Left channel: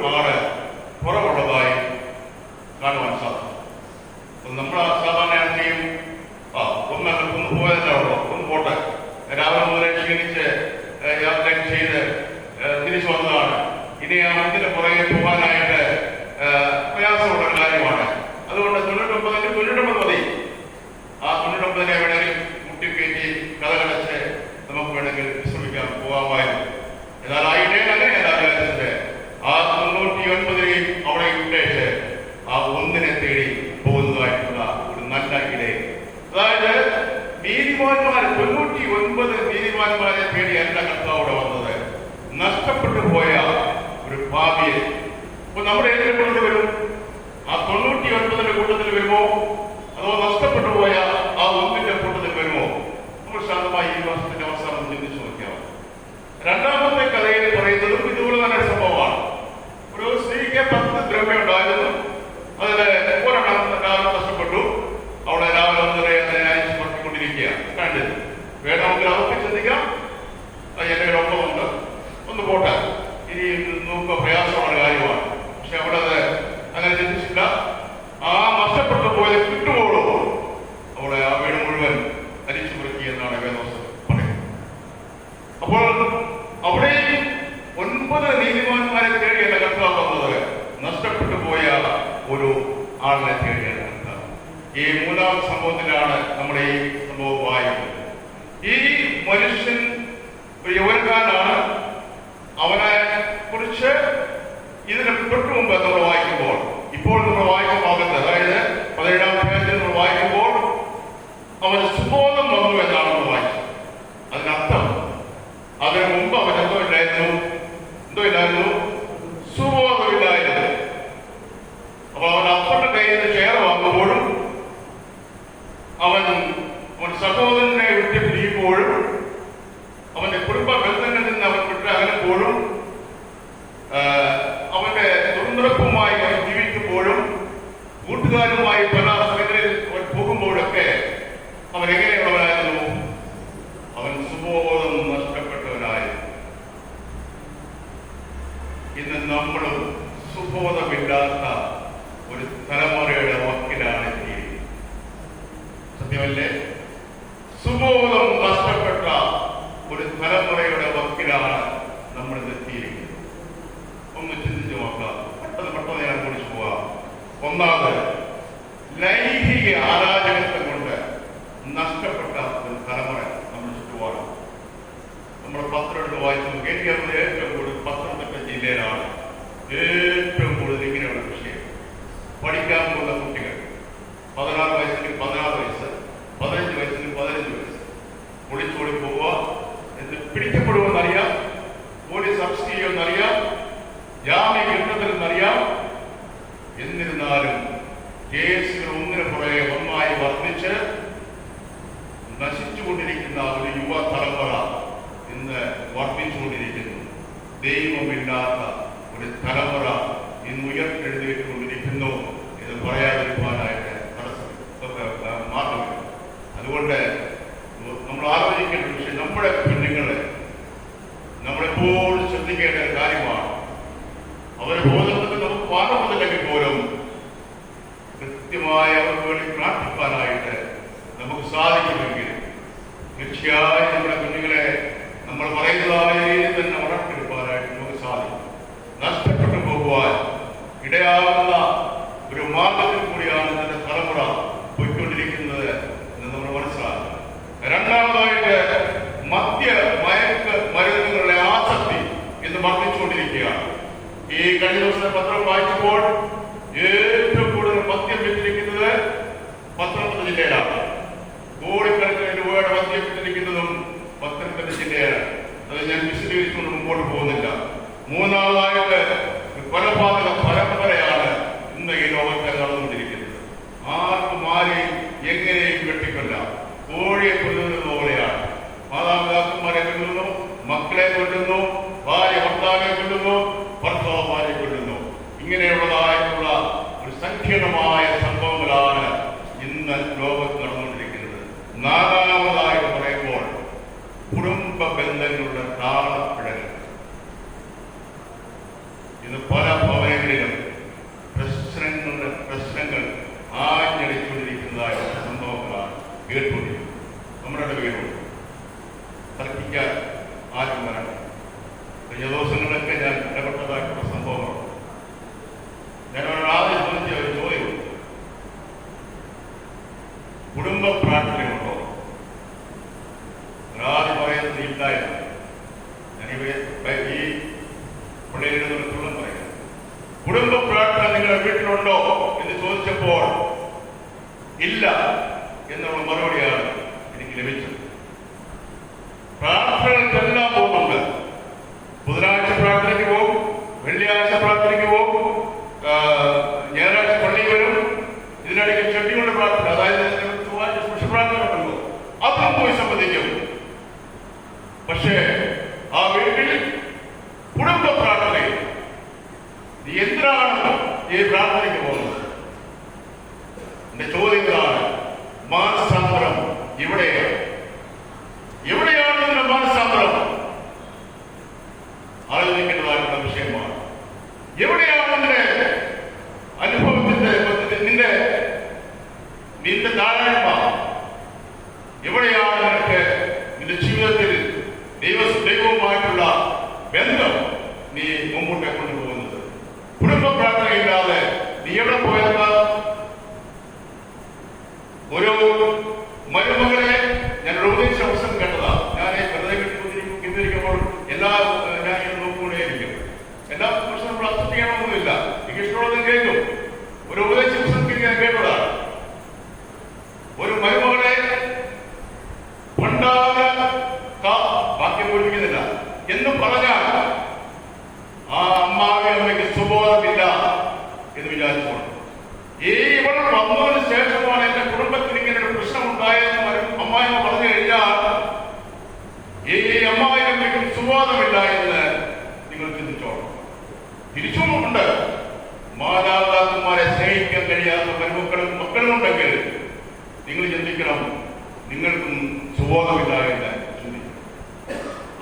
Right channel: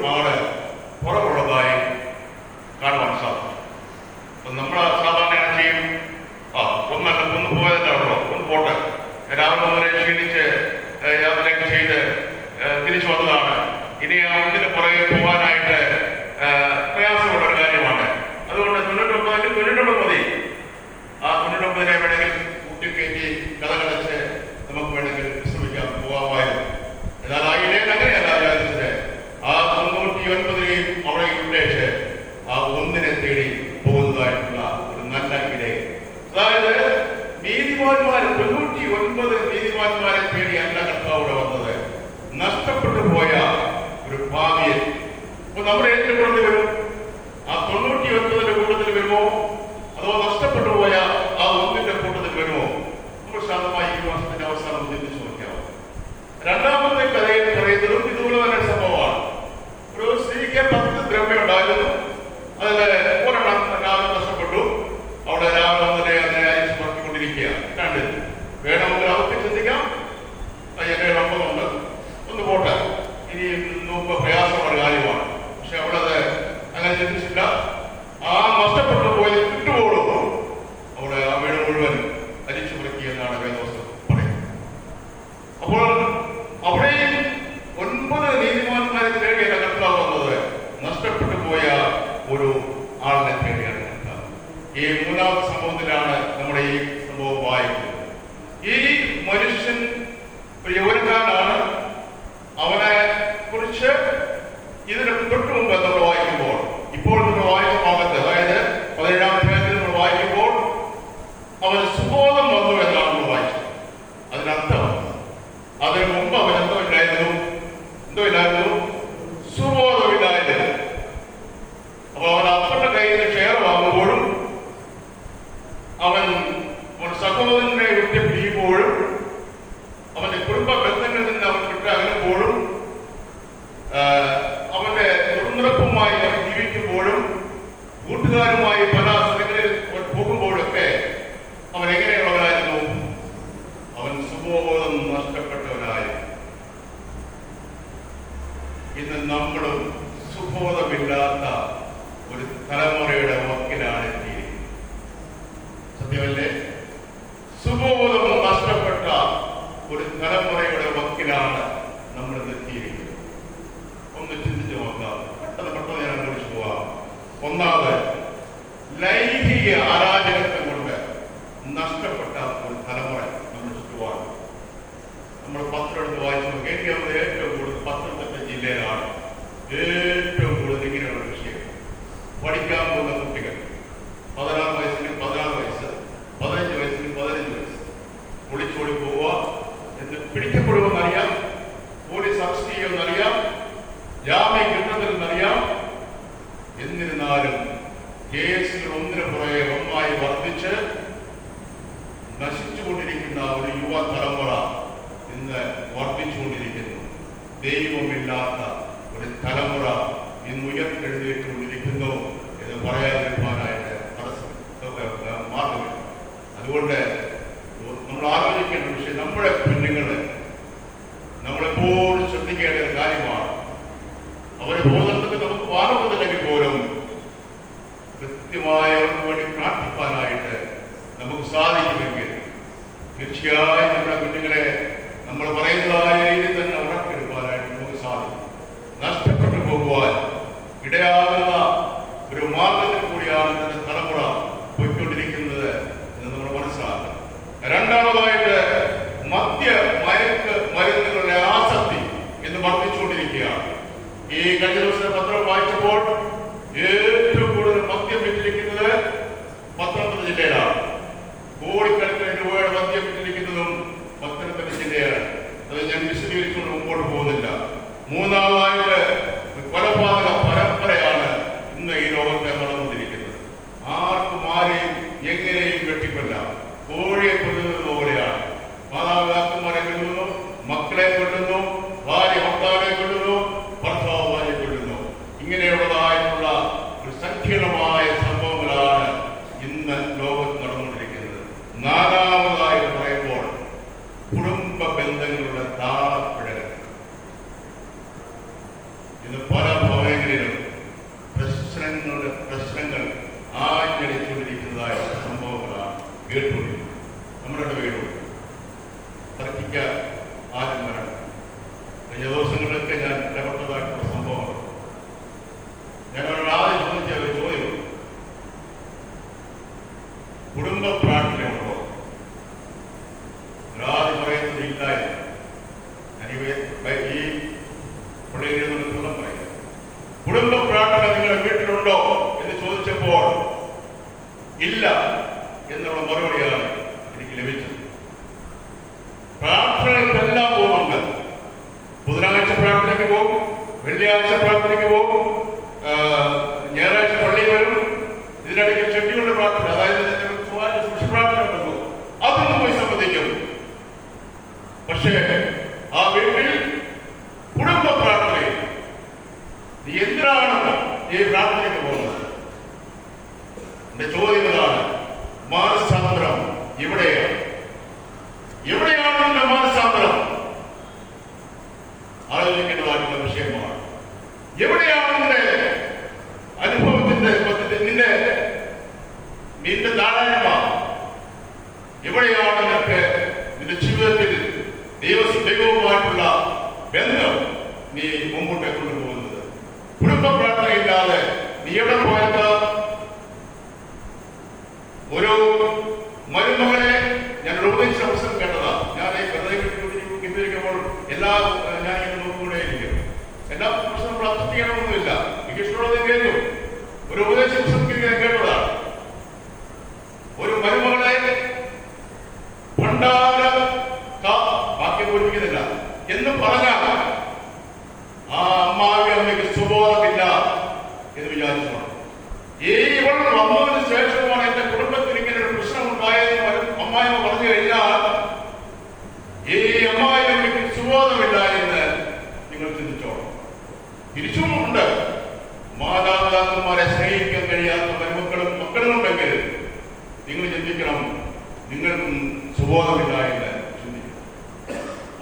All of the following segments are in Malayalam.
மாவட்ட ഭാവിയെ അപ്പൊ നമ്മുടെ ഏറ്റവും കൂടുതൽ വരും. ആ തൊണ്ണൂറ്റി ഒൻപതിന്റെ കൂട്ടത്തിൽ വരുമോ? അതോ നഷ്ടപ്പെട്ടു പോയ ആ ഒന്നിന്റെ കൂട്ടത്തിൽ വരുമോ? നമ്മൾ ശാന്തമായി ഈ വർഷത്തിന്റെ അവസാനം ചിന്തിച്ചു നോക്കാം രണ്ടാമത്തെ കഥയിൽ പറയുന്നതും ഇതുപോലെ തന്നെ സംഭവമാണ്. ഒരു സ്ത്രീക്ക് പത്ത് ദ്രവ്യം ഉണ്ടായിരുന്നു. അതിൽ ഒരു ആളിനെ തേടിയാണ് ഈ മൂന്നാമത്തെ സംഭവത്തിലാണ് നമ്മൾ ഈ സംഭവം വായിക്കുന്നത്. ഈ മനുഷ്യൻ യൗവനക്കാരനാണ് അവനെ കുറിച്ച് ഇതിന് തൊട്ട് നമ്മൾ വായിക്കുമ്പോൾ ഏറ്റവും കൂടുതൽ ഇങ്ങനെയുള്ള വിഷയം പഠിക്കാൻ പോകുന്ന നമുക്ക് സാധിക്കുമെങ്കിൽ തീർച്ചയായും കുഞ്ഞുങ്ങളെ നമ്മൾ പറയുന്നതായ കമ്മീഷന്റെ പത്രം വായിക്കുമ്പോൾ ഏറ്റവും കൂടുതൽ മദ്യം വിറ്റിരിക്കുന്നത് പത്തനംതിട്ട ജില്ലയിലാണ്. കോടിക്കണക്കിന് രൂപയുടെ മദ്യം വിറ്റിരിക്കുന്നതും പത്തനംതിട്ട ജില്ലയാണ്. അത് ഞാൻ വിശദീകരിച്ചുകൊണ്ട് മുമ്പോട്ട് പോകുന്നില്ല. മൂന്നാമതായിട്ട് കൊലപാതക പരമ്പരയാണ് Milosevic.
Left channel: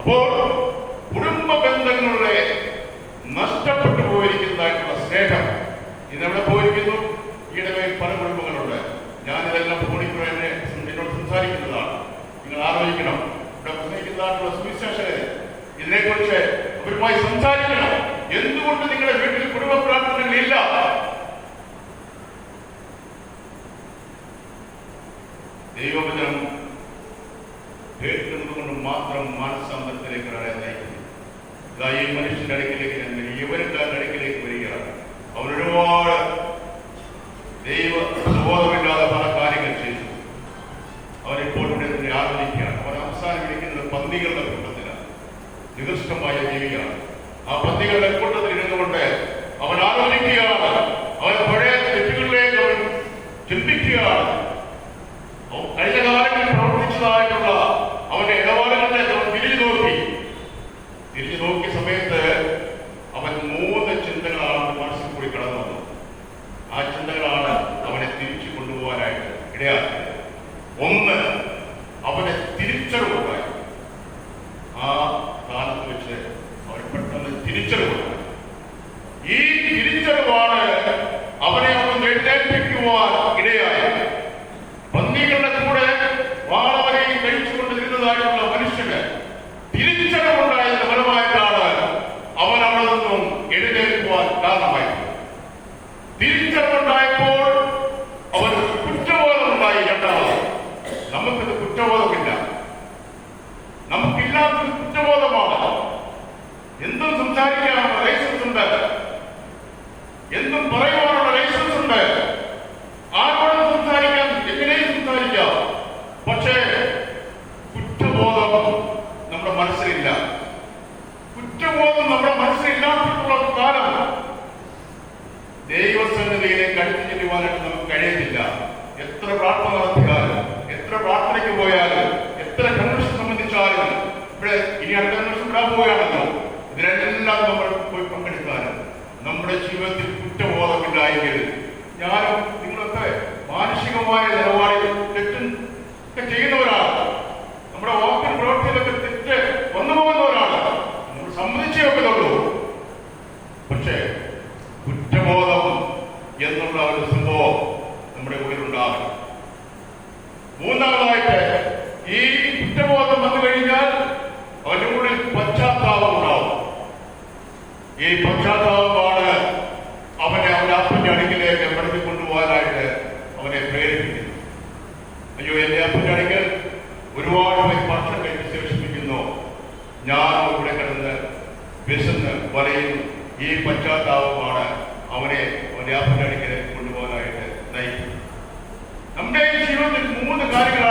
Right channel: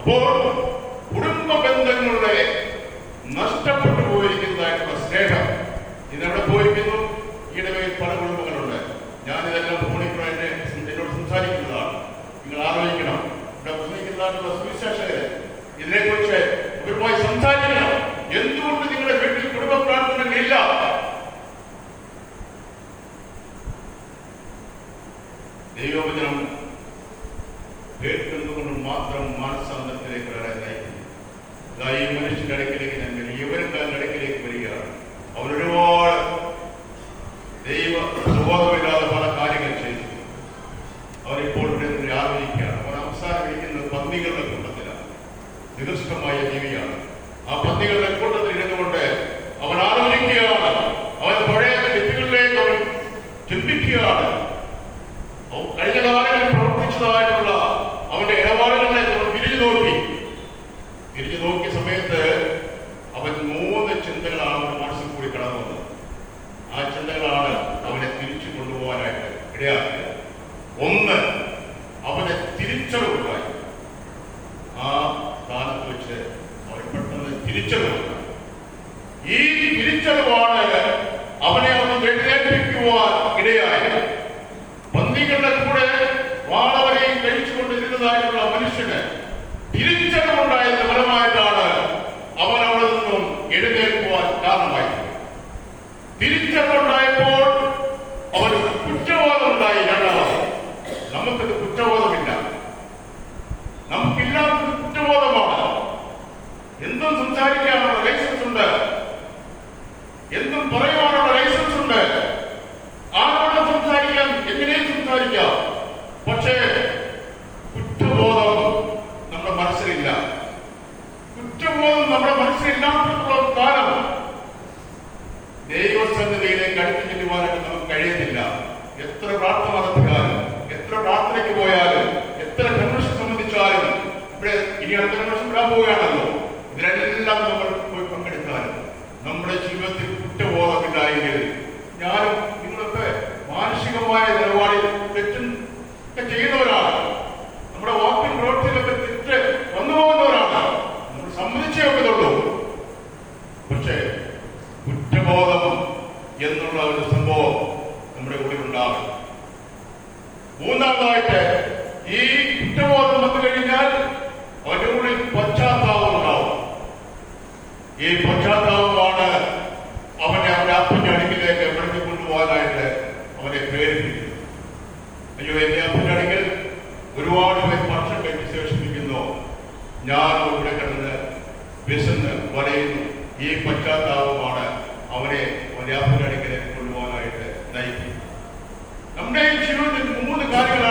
But പന്നികളുടെ കൂട്ടത്തിലാണ്. നികൃഷ്ടമായ രീതിയാണ്. ആ പന്നികളുടെ കൂട്ടത്തിൽ ഇരുന്നുകൊണ്ട് അവൻ ആലോചിക്കുകയാണ്. അവൻ പഴയ തെറ്റുകളിലേക്ക് അവൻ ചിന്തിക്കുകയാണ്. കഴിഞ്ഞ കാലങ്ങളിൽ പ്രവർത്തിച്ചതായിട്ടുള്ള ಆಟಗಳು നമ്മുടെ ജീവിതത്തിൽ കുറ്റബോധമില്ലായിരിക്കരുത് ഞാനും നിങ്ങളൊക്കെ മാനുഷികമായ നിലപാടിൽ വിശന്ന് വലയുന്നു. ഈ പശ്ചാത്താപമാണ് അവനെ വ്യാപനടുക്കിനെ കൊണ്ടുപോകാനായിട്ട് നയിക്കും നമ്മുടെ ജീവിതത്തിൽ മൂന്ന് കാര്യങ്ങൾ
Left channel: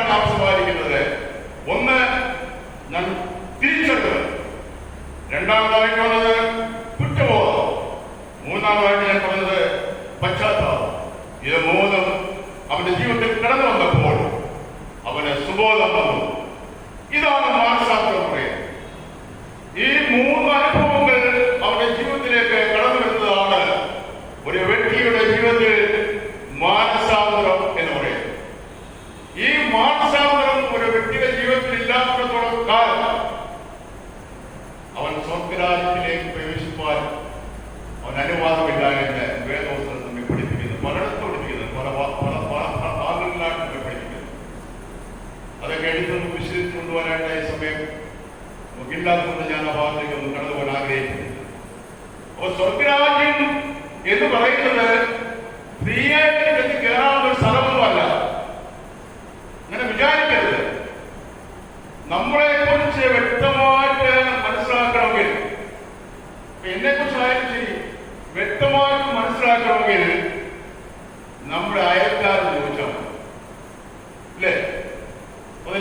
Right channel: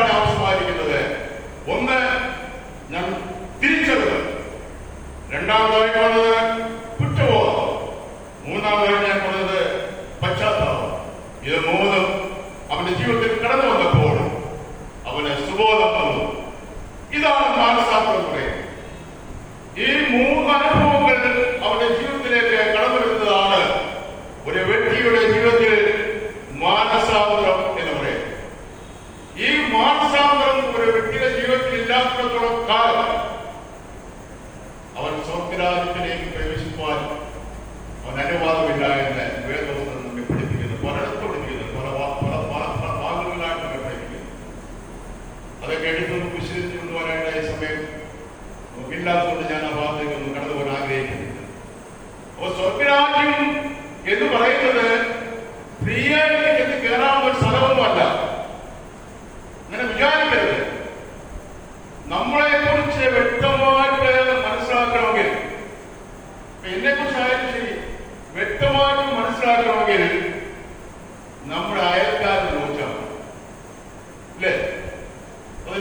ಜ್ಞಾಪಕಗಳು ಕಾಳು ಅವನ ಸೌಮ್ಯ ರಾಜಕೀಯಕ್ಕೆ ಪ್ರವೇಶಿಸುವಾಗ ಅವನ ಅನಿವಾದವಿದ್ದಾಗಿಂದ ವೇದವನ್ನು ನಮಗೆ ಪಡಿತೀವಿ ಮರಣ ಕೊಡುತ್ತೀವಿ ಪರ ಪರ ಪಾಲಗಳಾಗಿ ನಮಗೆ ಪಡಿತೀವಿ ಅದೇ ಗಣಿತವನ್ನು ವಿಶ್ಲೇಷಿಸುವಾಗ ಸಮಯ ಮುಗಿಲ್ಲಾದ ಜನ ಭಾವನೆಗೆ ನಡೆದವನಾಗೇ ಅವನು ಸೌಮ್ಯರಾಗಿ ಎಂದು ಬರೆಯುತ್ತದೆ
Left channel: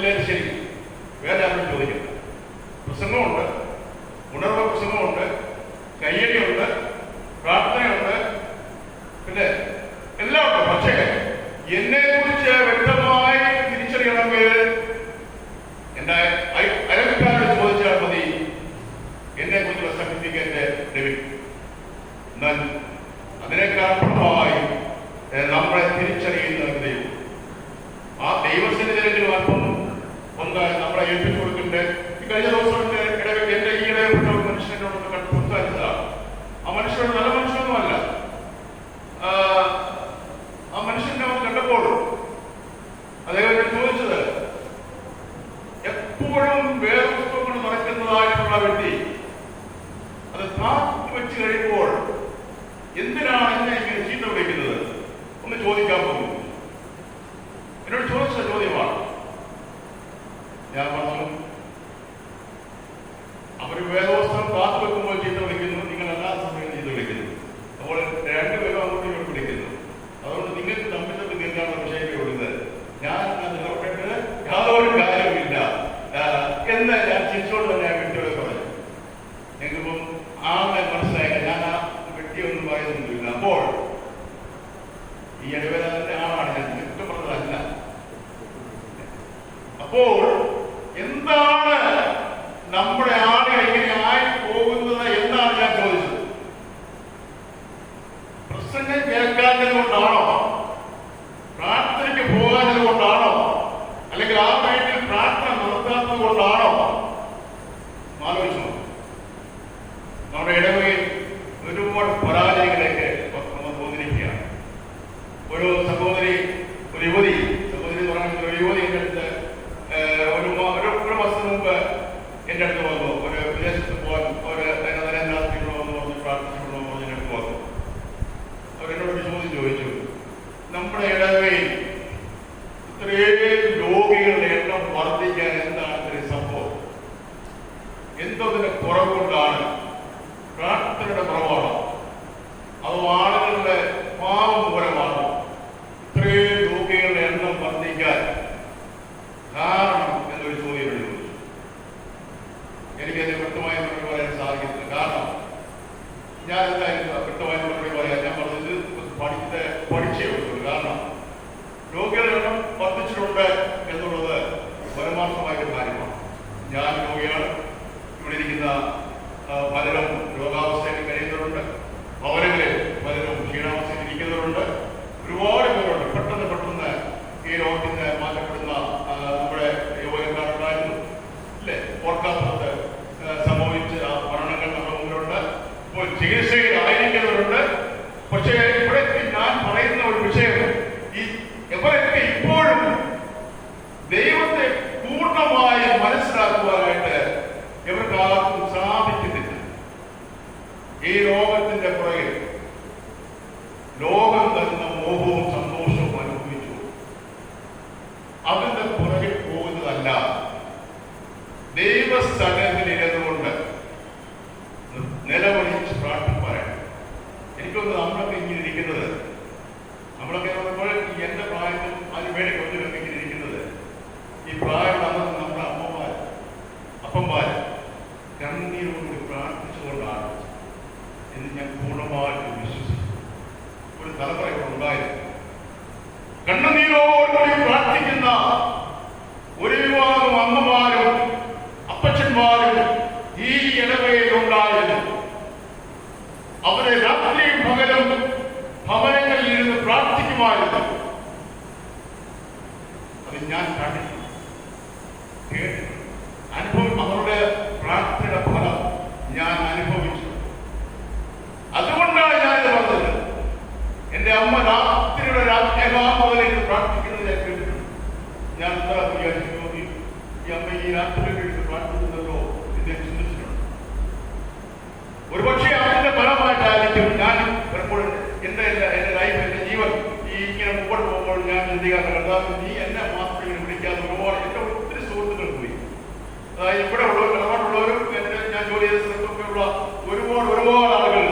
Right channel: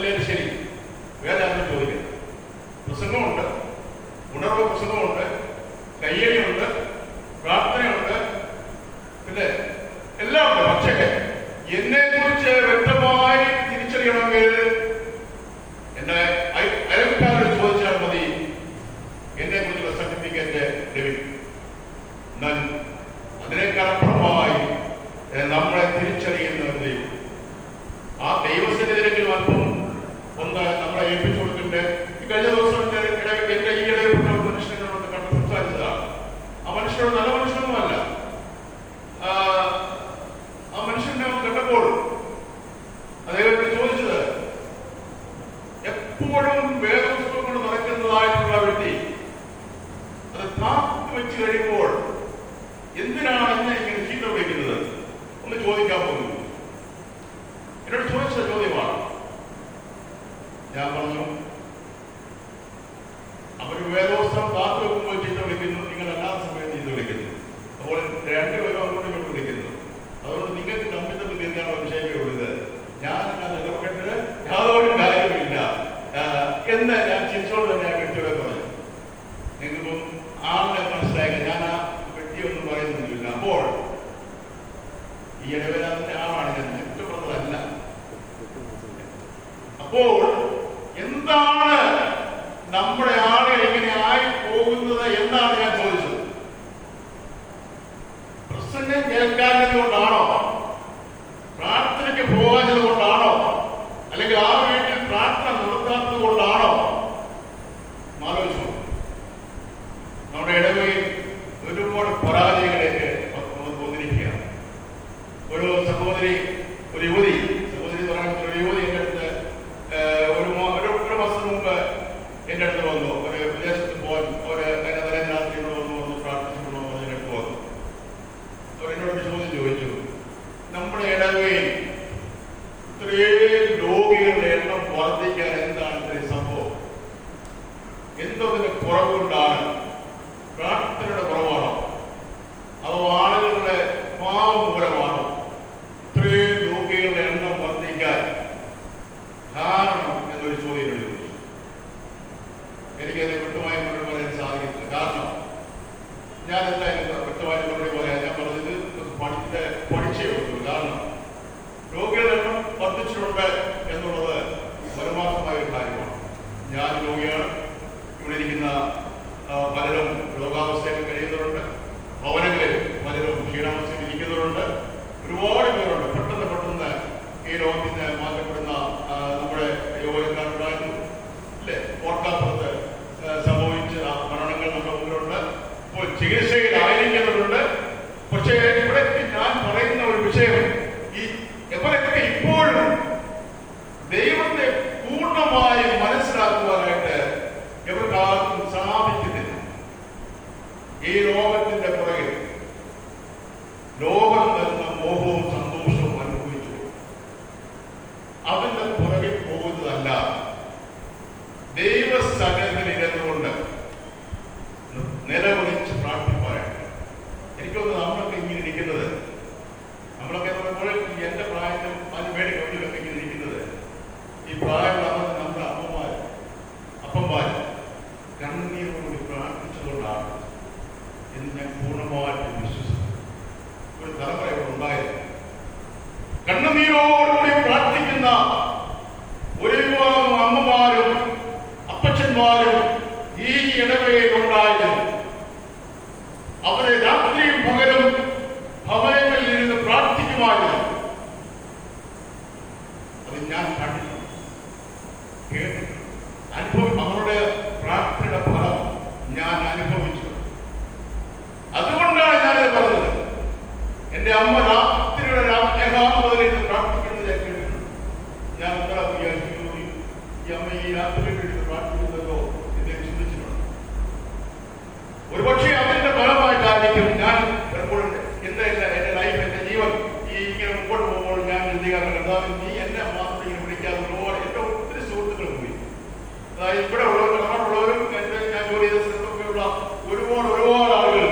diversity. అదేవిధంగా അപ്പോൾ എന്താണ് നമ്മുടെ ആളുകൾ ഇങ്ങനെയായി പോകുന്നത്? എന്നാണ് ഞാൻ ചോദിച്ചത്? പ്രസംഗം കേൾക്കാൻ ഇത്രയും രോഗികളുടെ എണ്ണം വർദ്ധിക്കാൻ എന്താണ് ഇതിന് സംഭവം? എന്തോ കുറവുകൊണ്ടാണ് യോഗത്തിന് മാറ്റപ്പെടുന്ന നമ്മുടെ യോഗക്കാരുണ്ടായിരുന്നു അല്ലേ? ഓർക്കാപ്പുറത്ത് സംഭവിച്ച മരണങ്ങൾ നമ്മുടെ മുന്നിലുണ്ട് ഇപ്പോൾ ചികിത്സ അനേകാമതയിൽ പ്രാർത്ഥിക്കുന്നതിനെ കേട്ടിട്ടുണ്ട്. ഞാൻ എന്താ വിചാരിച്ചു ഈ അമ്മ ഈ രാത്രിയിൽ കേട്ട് പ്രാർത്ഥിക്കുന്നതോ എന്നെ ചിന്തിച്ചിട്ടുണ്ട്. ഒരുപക്ഷെ അതിന്റെ ഫലമായിട്ടായിരിക്കും ഞാൻ ചിലപ്പോൾ എന്റെ എന്റെ ലൈഫ് എന്റെ ജീവൻ ഈ ഇങ്ങനെ മുമ്പോട്ട് പോകുമ്പോൾ ഞാൻ ചിന്തിക്കാൻ എന്താ നീ എന്നെ മാത്രം വിളിക്കാതെ പോകാൻ എന്റെ ഒത്തിരി സുഹൃത്തുക്കളുണ്ട് അതായത് ഇവിടെ ഉള്ളവർ നമ്മളുള്ളവരും എന്റെ ഞാൻ ജോലി ചെയ്ത സ്ഥലത്തൊക്കെയുള്ള ഒരുപാട് ഒരുപാട് ആളുകൾ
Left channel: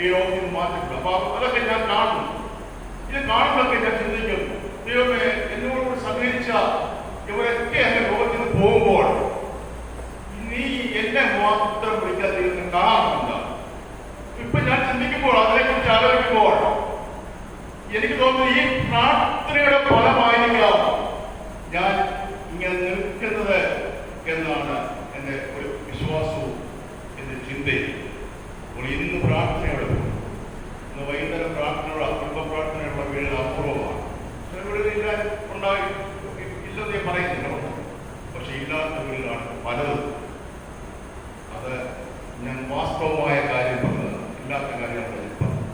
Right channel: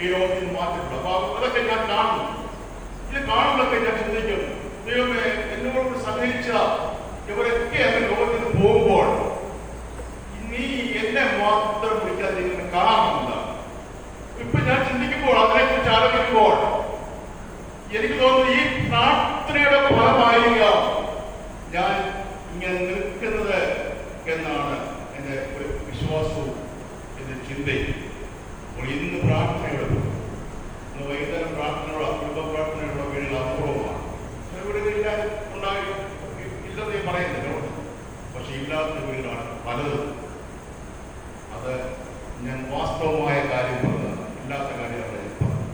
ഈ രോഗത്തിൽ മാറ്റിട്ടുണ്ട് അപ്പൊ അതൊക്കെ ഞാൻ കാണുന്നു. ഇത് കാണുമ്പോഴൊക്കെ ഞാൻ ചിന്തിക്കും എന്നോട് സഹകരിച്ച ഇവരൊക്കെ എന്നെ ലോകത്തിൽ നിന്ന് പോകുമ്പോൾ നീ എന്നെ മാത്രം വിളിച്ചാൽ ദൈവം കാണാമെന്നില്ല. ഇപ്പൊ ഞാൻ ചിന്തിക്കുമ്പോൾ അതിനെക്കുറിച്ച് ആലോചിക്കുമ്പോൾ എനിക്ക് തോന്നുന്നു ഈ പ്രാർത്ഥനയുടെ ഫലമായിരിക്കാം ഞാൻ ഇങ്ങനെ നിൽക്കുന്നത് എന്നാണ് എന്റെ ഒരു വിശ്വാസവും എന്റെ ചിന്തയും. ഇന്ന് പ്രാർത്ഥനയോട് വൈകുന്നേരം പ്രാർത്ഥനയോട് അപൂർവം പറയുന്നുണ്ട്. പക്ഷെ ഇല്ലാത്തവരിലാണ് പലതും. അത് ഞാൻ വാസ്തവമായ കാര്യം പറഞ്ഞത് ഇല്ലാത്ത കാര്യമാണ് പറഞ്ഞു.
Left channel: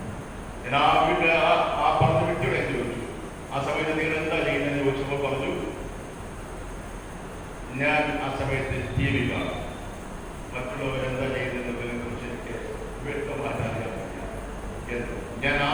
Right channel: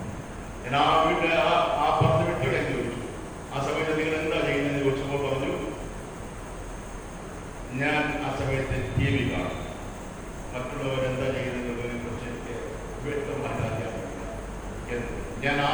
ഞാൻ ആ വീട്ടിലെ ആ പറഞ്ഞു വിട്ടു ഞാൻ ചോദിച്ചു. ആ സമയത്ത് നിങ്ങൾ എന്താ ചെയ്യുന്നത് ചോദിച്ചപ്പോൾ പറഞ്ഞു ഞാൻ ആ സമയത്ത് ടി മറ്റുള്ളവരെന്താ ചെയ്യുന്നതിനെ കുറിച്ച് എനിക്ക് വ്യക്തമായിട്ട് ഞാൻ ആ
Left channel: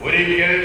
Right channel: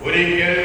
What Would you give?